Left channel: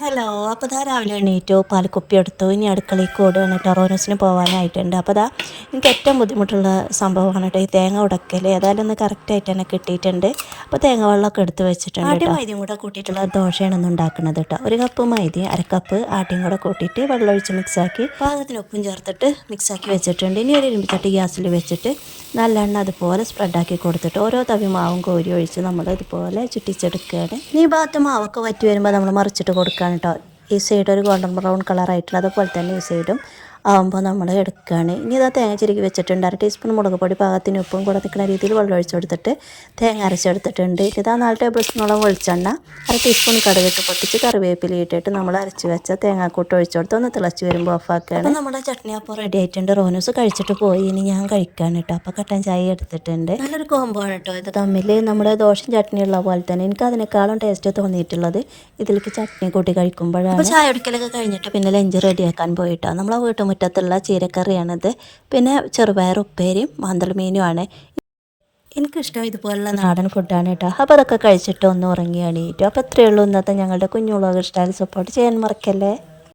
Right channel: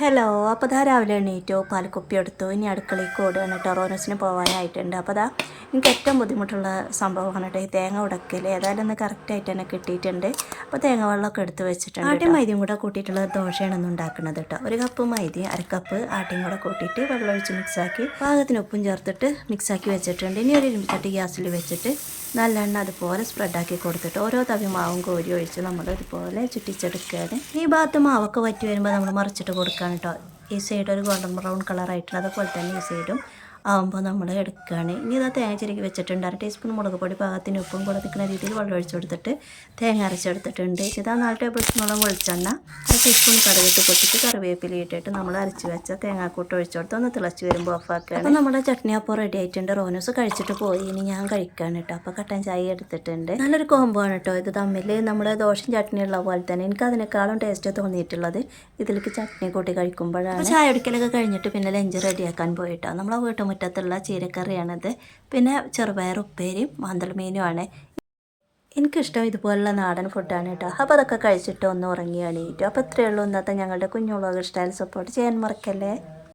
Hello. അപ്പോൾ രാവിലെ എണീറ്റു, പാൽക്കുപ്പി എടുത്തു, ഇനി അടുക്കളയ്ക്ക് ഓടുകയാണ് കേട്ടോ. റോനൂസിന് പോകാനായിട്ടുണ്ട്. അപ്പോൾ എനിക്ക് ഏറ്റവും ബുദ്ധിമുട്ടുള്ള സംഭവമാണ് കേട്ടോ ഈ തേങ്ങ ഉടക്കൽ. ഏതായാലും ഒന്ന് കറക്റ്റായിട്ട് തന്നെ കിട്ടിയിട്ടുണ്ട്. അപ്പോൾ തേങ്ങ വെള്ളമൊക്കെ എടുത്ത് വെച്ചിട്ടുണ്ട്. ആട്ടിയും മൈദയും കൂടെ കൂട്ടിയിട്ടുള്ള ദോശയാണ് ഒന്ന് ഉണ്ടാക്കുന്നത് കേട്ടോ. 1 കപ്പ് മൈദയും 1/2 കപ്പ് ആട്ടിയും കൂടെ കൂട്ടിയിട്ട് വെള്ളം ഒഴിച്ച് മിക്സാക്കി പാകത്തിന് ഉപ്പും ചേർത്തിട്ട് മിക്സാക്കി വെച്ചിട്ടുണ്ട്. ഇനി ഒരു ഇരുമ്പിച്ചട്ടി ഗ്യാസിൽ വെച്ചിട്ട് നല്ലെണ്ണ അതുപോലെ സ്പ്രെഡാക്കി കൊടുത്തിട്ട് ഓരോ തവി മാവും കോരി ഒഴിച്ച് നമ്മൾ ഇതുപോലെ ചുറ്റിച്ചെടുക്കുകയാണ്. ഈ ഭാഗത്ത് മാവൊക്കെ വറ്റി വരുമ്പോൾ നമ്മൾ മറിച്ചിട്ട് കൊടുക്കുകയാണ് കേട്ടോ. ഈ സൈഡ് ഒരു ഗോൾഡൻ ബ്രൗൺ കളറായിട്ടുള്ള അതുപോലെ തന്നെ ഈ സൈഡും ആകുമ്പോൾ നമ്മൾ എടുക്കുകയാണ്. ഇനി ഇതാ തേങ്ങ ചിരുകി വെച്ചിട്ടുണ്ട്. 1 ടീസ്പൂൺ മുളക് പൊടി പാകത്തിന് ഉപ്പും കൂടെ നിൽക്കുന്ന രീതിയിൽ വെള്ളം ഒഴിച്ച് കൊടുത്തിട്ട് തേങ്ങ അരച്ചെടുത്തിട്ടുണ്ട്. ഇതാ 4 ടേബിൾ സ്പൂണോളം വെളിച്ചെണ്ണ, 1 ടീസ്പൂൺ കടുകിട്ട് പൊട്ടിച്ച് കറിവേപ്പില ഇട്ടിട്ട് നമ്മൾ അരച്ച് വെച്ച തേങ്ങാക്കൂട്ട് ഒഴിച്ച് കൊടുത്ത് ഒന്ന് തിളച്ച് വരുമ്പോൾ ഓഫാക്കുകയാണ്. അപ്പോൾ നമ്മുടെ ചട്നി അപ്പോൾ റെഡി ആയിട്ടുണ്ട്. റോനൂസ് കഴിച്ചിട്ട് പോയി, ഇനി ഞാൻ കഴിക്കുകയാണ് കേട്ടോ. അപ്പോൾ കട്ടൻ ചായ എടുത്തിട്ടുണ്ട്. നല്ലൊരു കോംബോ ആണ് കേട്ടോ ഇത് തമ്മിൽ. നമ്മുടെ ദോശയും ചട്നി ഉള്ള പോലെ തന്നെ എനിക്ക് അതിനേക്കാളും ടേസ്റ്റ് തോന്നിയിട്ടുള്ളത് ഇതിലേക്ക് ചട്നി കൂട്ടി കഴിക്കുമ്പോഴാണ്. അപ്പോൾ ചായ എടുക്കലൊക്കെ കഴിഞ്ഞിട്ട് പിന്നെ ലഞ്ച് റെഡിയാക്കാൻ പോയിട്ടോ. നമ്മളെ വീട്ടുമുറ്റത്തുള്ള ചീരക്കറിയാണിത്. പിന്നെ ചെറുപയർ ഉപ്പേരിയും മാന്തൽ മീനുമാണ്. എനിക്കിഷ്ടം ഇതുപോലുള്ള നാടൻ ഫുഡാണ് കേട്ടോ. അപ്പോൾ അതൊക്കെ കഴിച്ചിട്ട് ഒന്ന് ഉറങ്ങി എണീറ്റു. അപ്പോൾ ഇത്രയേ ഉള്ളൂ ഇന്നത്തെ ഞങ്ങളുടെ കുഞ്ഞു വ്ളോഗ്. ഇഷ്ടമായാലും സപ്പോർട്ട് ചെയ്യാൻ മറക്കല്ലേ.